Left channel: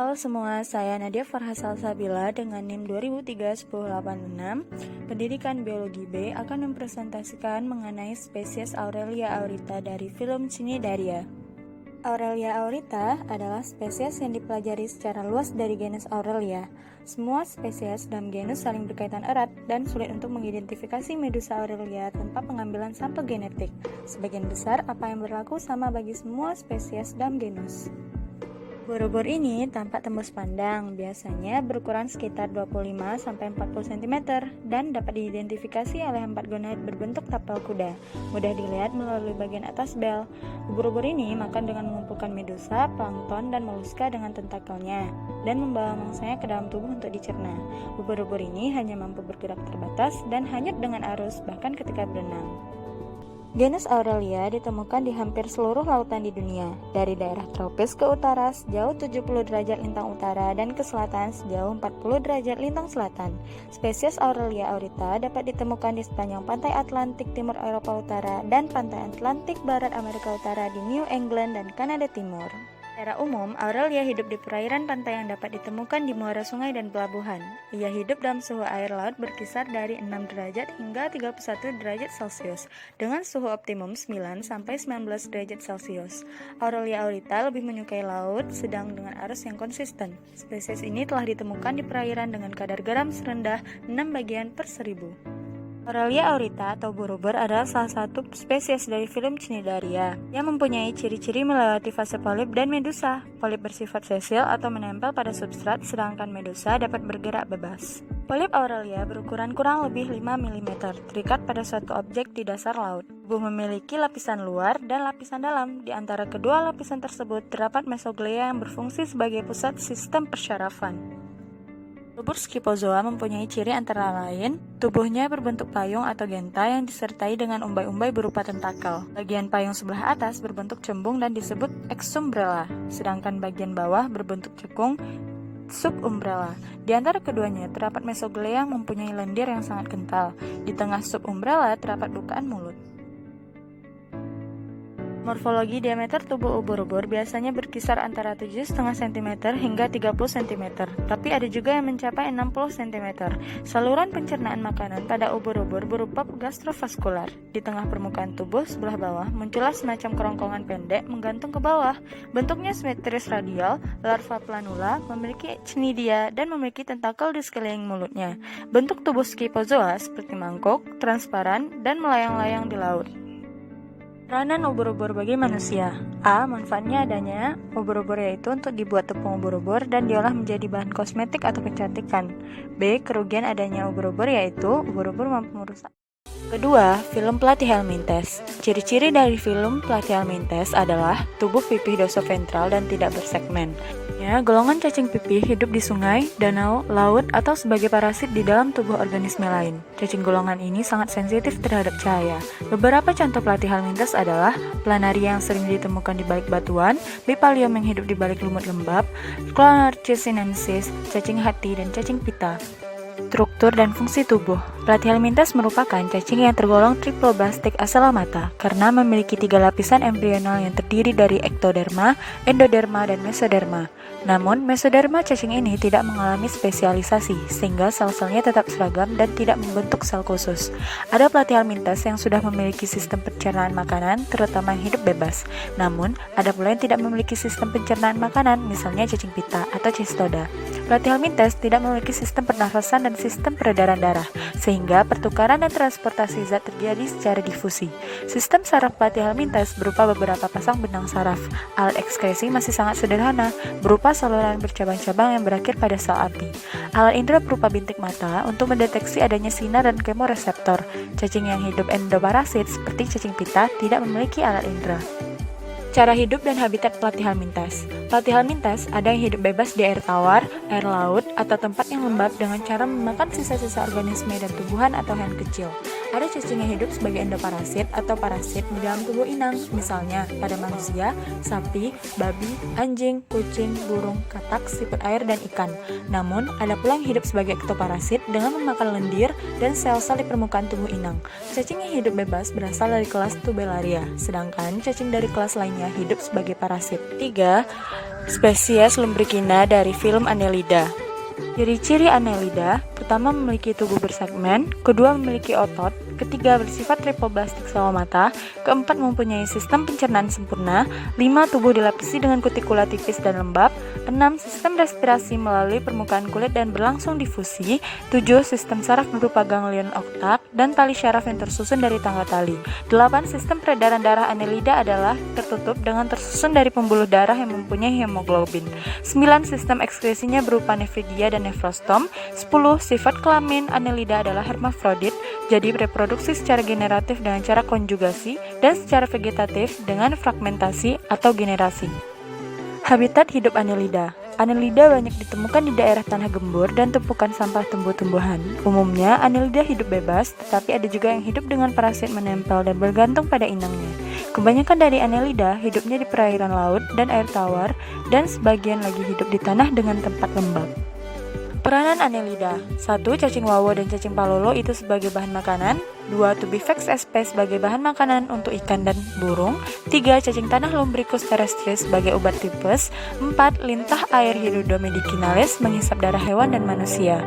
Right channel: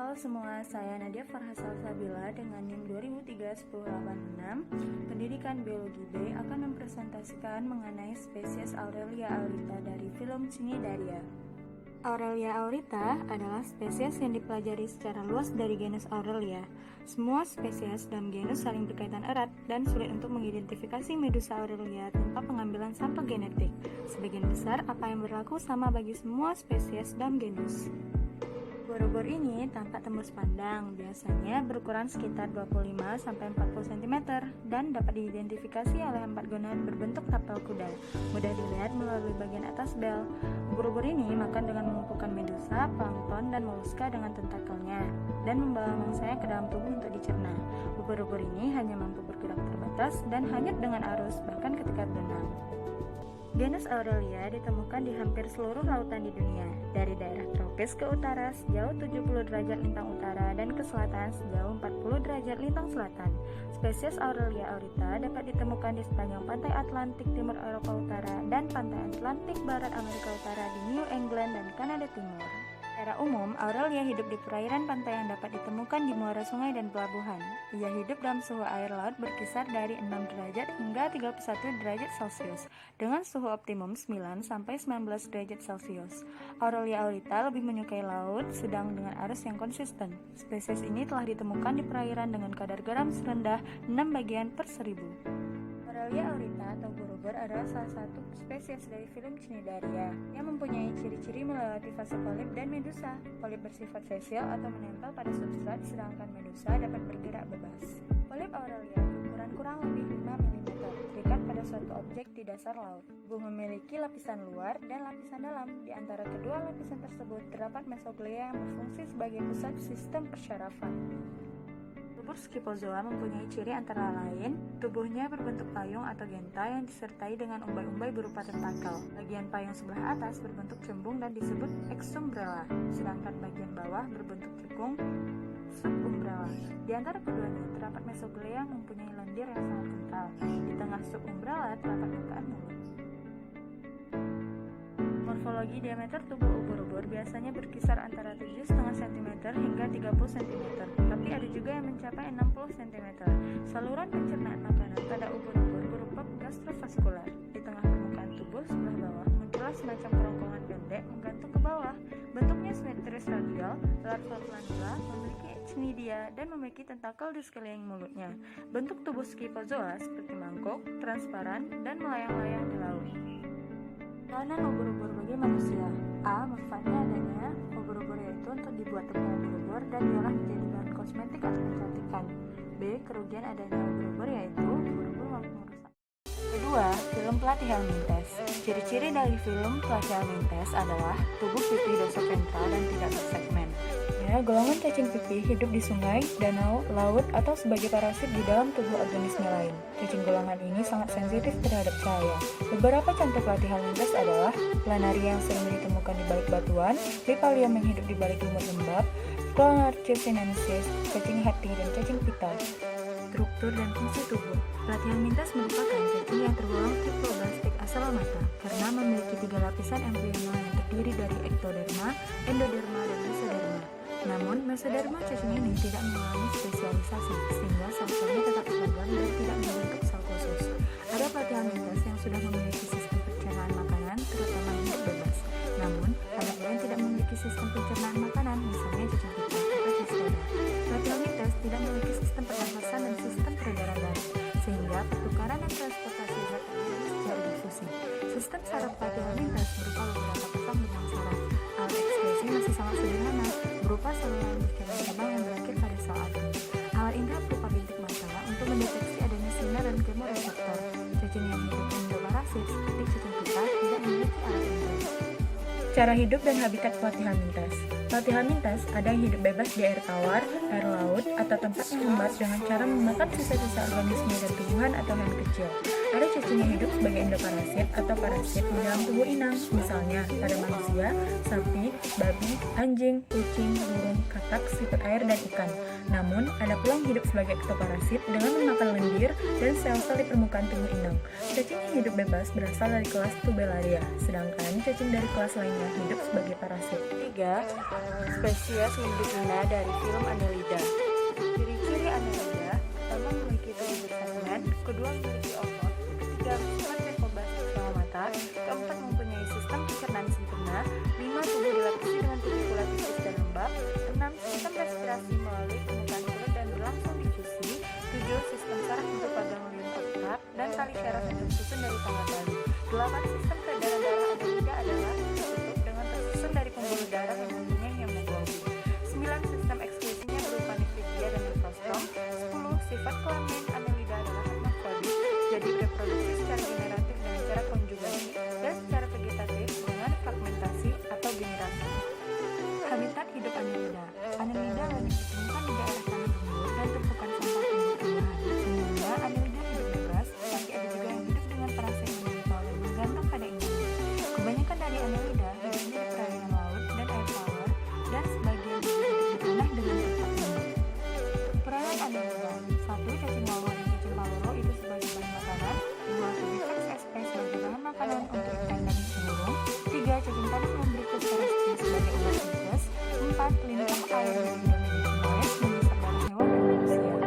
Halo semua, saya Nadia Farha Salsabila dengan NIM 2003-1086. Pendidikan Biologi B akan mempresentasikan mengenai spesies Aurelia aurita dari film Cnidaria. Aurelia aurita adalah spesies yang dipelajari secara luas dari genus Aurelia. Semua spesies dalam genus saling berkaitan erat dan sulit untuk mengidentifikasi Medusa aurelia tanpa pengambilan sampel genetik. Sebagian besar apa yang berlaku sama bagi semua spesies dalam genus. Ubur-ubur ini tampak tembus pandang, biasanya berukuran sekitar 25-40 cm dan dapat diidentifikasi oleh 4 gonad berbentuk tapel kuda. Mudah dilihat melalui bagian atas bel. Ubur-ubur ini makan dengan mengumpulkan medusa, plankton, dan moluska dengan tentakelnya dan membawa mangsanya ke dalam tubuh untuk dicerna. Ubur-ubur ini hanya mampu bergerak terbatas dan hanyut dengan arus bahkan ketika berenang. Genus Aurelia ditemukan di hampir seluruh lautan di dunia, dari daerah tropis ke utara sejauh 70 derajat lintang utara dan ke selatan sejauh 40 derajat lintang selatan. Spesies Aurelia aurita dapat ditemukan di sepanjang pantai Atlantik timur Eropa Utara dan pantai Atlantik barat Amerika Utara di New England dan Kanada Timur. Secara umum, Aurelia hidup di perairan pantai yang dapat ditemukan di muara sungai dan pelabuhan. Ia hidup dalam suhu air laut berkisar dari 6 derajat hingga 31 derajat Celcius, dengan suhu optimum 9-19 derajat Celcius. Aurelia aurita lebih menyukai laut, sedang dengan arus yang konsisten. Spesies ini telah ditemukan di perairan dengan kadar garam serendah 6 bagian per 1000. Aurelia aurita atau ubur-ubur adalah salah satu spesies dari film Cnidaria yang mempunyai ciri-ciri melewati fase polip dan medusa. Polip bersifat sesil atau menempel pada substrat, sedangkan medusa dapat bergerak bebas. Polip Aurelia berukuran kurang lebih 5 mm, terikat pada suatu objek di dasar laut. Tubuh memiliki lapisan luar dan lapisan dalam. Di antara kedua lapisan tersebut terdapat mesoglea yang berfungsi sebagai pusat sistem persyarafan. Ubur Scyphozoa mempunyai ciri antara lain, tubuhnya berbentuk payung atau genta yang disertai dengan umbai-umbai berupa tentakel. Bagian payung sebelah atas berbentuk cembung dan disebut exumbrella, sedangkan bagian bawah berbentuk cekung, subumbrella. Di antara keduanya terdapat mesoglea yang mempunyai lendir yang sangat kental. Di tengah subumbrella terdapat bukaan mulut. Morfologi diameter tubuh ubur-ubur biasanya berkisar antara 7,5 cm hingga 30 cm, tapi ada juga yang mencapai 60 cm. Saluran pencernaan makanan pada ubur-ubur berupa gastrovaskular. Di tengah permukaan tubuh sebelah bawah muncullah semacam kerongkongan pendek menggantung ke bawah. Bentuknya simetris radial, larva planula, memiliki cnidia dan memiliki tentakel di sekeliling mulutnya. Bentuk tubuh Scyphozoa seperti mangkuk, transparan, dan melayang-layang di laut. Peranan ubur-ubur bagi manusia. A. Manfaatnya adanya ubur-ubur yaitu untuk dibuat tepung ubur-ubur dan diolah menjadi bahan kosmetik atau kecantikan. B. Kerugian adanya ubur-ubur yaitu ubur-ubur mampu merusak. Kedua, film Platyhelminthes. Ciri-ciri dari film Platyhelminthes adalah tubuh pipih dorsoventral dan tidak bersegmen. Ya, golongan cacing pipih hidup di sungai, danau, laut, atau sebagai parasit di dalam tubuh organisme lain. Cacing golongan ini sangat sensitif terhadap cahaya. Beberapa contoh Platyhelminthes adalah planaria yang sering ditemukan di balik batuan, Bipalium yang hidup di balik lumut lembab, Clonorchis sinensis, cacing hati, dan cacing pita. Struktur dan fungsi tubuh. Platyhelminthes merupakan cacing yang tergolong triploblastik asalamata karena memiliki 3 lapisan embrional yang terdiri dari ektoderma, endoderma, dan mesoderma. Namun, mesoderma cacing ini tidak mengalami spesialisasi, sehingga sel-selnya tetap seragam dan tidak membentuk sel khusus. Ada Platyhelminthes yang sudah memiliki sistem pencernaan makanan, terutama yang hidup bebas. Namun, ada pula yang tidak memiliki sistem pencernaan makanan, misalnya cacing pita atau Cistoda. Platyhelminthes tidak memiliki sistem pernafasan dan sistem peredaran darah, sehingga pertukaran dan transportasi zat terjadi secara difusi. Sistem saraf Platyhelminthes berupa beberapa pasang benang saraf. Alat ekskresi masih sangat sederhana, berupa saluran bercabang-cabang yang berakhir pada sel api. Alat indera berupa bintik mata untuk mendeteksi adanya sinar dan kemoreseptor. Cacing yang hidup endoparasit seperti cacing pita tidak memiliki alat indera. Cara hidup dan habitat Platyhelminthes. Platyhelminthes ada yang hidup bebas di air tawar, air laut, atau tempat yang lembab dengan cara memakan sisa-sisa organisme dan tumbuhan atau hewan kecil. Ada cacing yang hidup sebagai endoparasit atau parasit di dalam tubuh inang, misalnya pada manusia, sapi, babi, anjing, kucing, burung, katak, siput air, dan ikan. Namun, ada pula yang hidup sebagai ektoparasit dengan memakan lendir dan sel-sel di permukaan tubuh inang. Cacing yang hidup bebas berasal dari kelas Tubellaria, sedangkan cacing dari kelas lainnya hidup sebagai parasit. 3. Spesies Lumbricina dari film Annelida. Ciri-ciri Annelida, pertama memiliki tubuh bersegmen, kedua memiliki otot, ketiga bersifat tripoblastik selomata, keempat mempunyai sistem pencernaan sempurna, 5 tubuh dilapisi dengan kutikula tipis dan lembab, 6 sistem respirasi melalui permukaan kulit dan berlangsung difusi, 7 sistem saraf berupa ganglion oktak dan tali syaraf yang tersusun dari tangga tali, 8 sistem peredaran darah Annelida adalah tertutup dengan tersusun dari pembuluh darah yang mempunyai hemoglobin, 9 sistem ekskresinya berupa nefridia dan nefrostom, 10 sifat kelamin Annelida adalah hermafrodit, jadi reproduksi secara generatif dengan cara konjugasi dan secara vegetatif dengan fragmentasi atau generasi. Habitat hidup Annelida. Annelida banyak ditemukan di daerah tanah gembur dan tumpukan sampah tumbuh-tumbuhan. Umumnya, Annelida hidup bebas, tetapi ada juga yang hidup dengan parasit menempel dan bergantung pada inangnya. Kebanyakan dari Annelida hidupnya di perairan laut dan air tawar, dan sebagian lagi hidup di tanah dengan tempat lembab. Peranan Annelida. 1. Cacing wawo dan cacing palolo itu sebagai bahan makanan. 2. Tubifax sp sebagai bahan makanan untuk ikan dan burung. 3. Cacing tanah Lumbricus terrestris sebagai obat tipes. 4. Lintah air Hirundo medicinalis menghisap darah hewan dan manusia.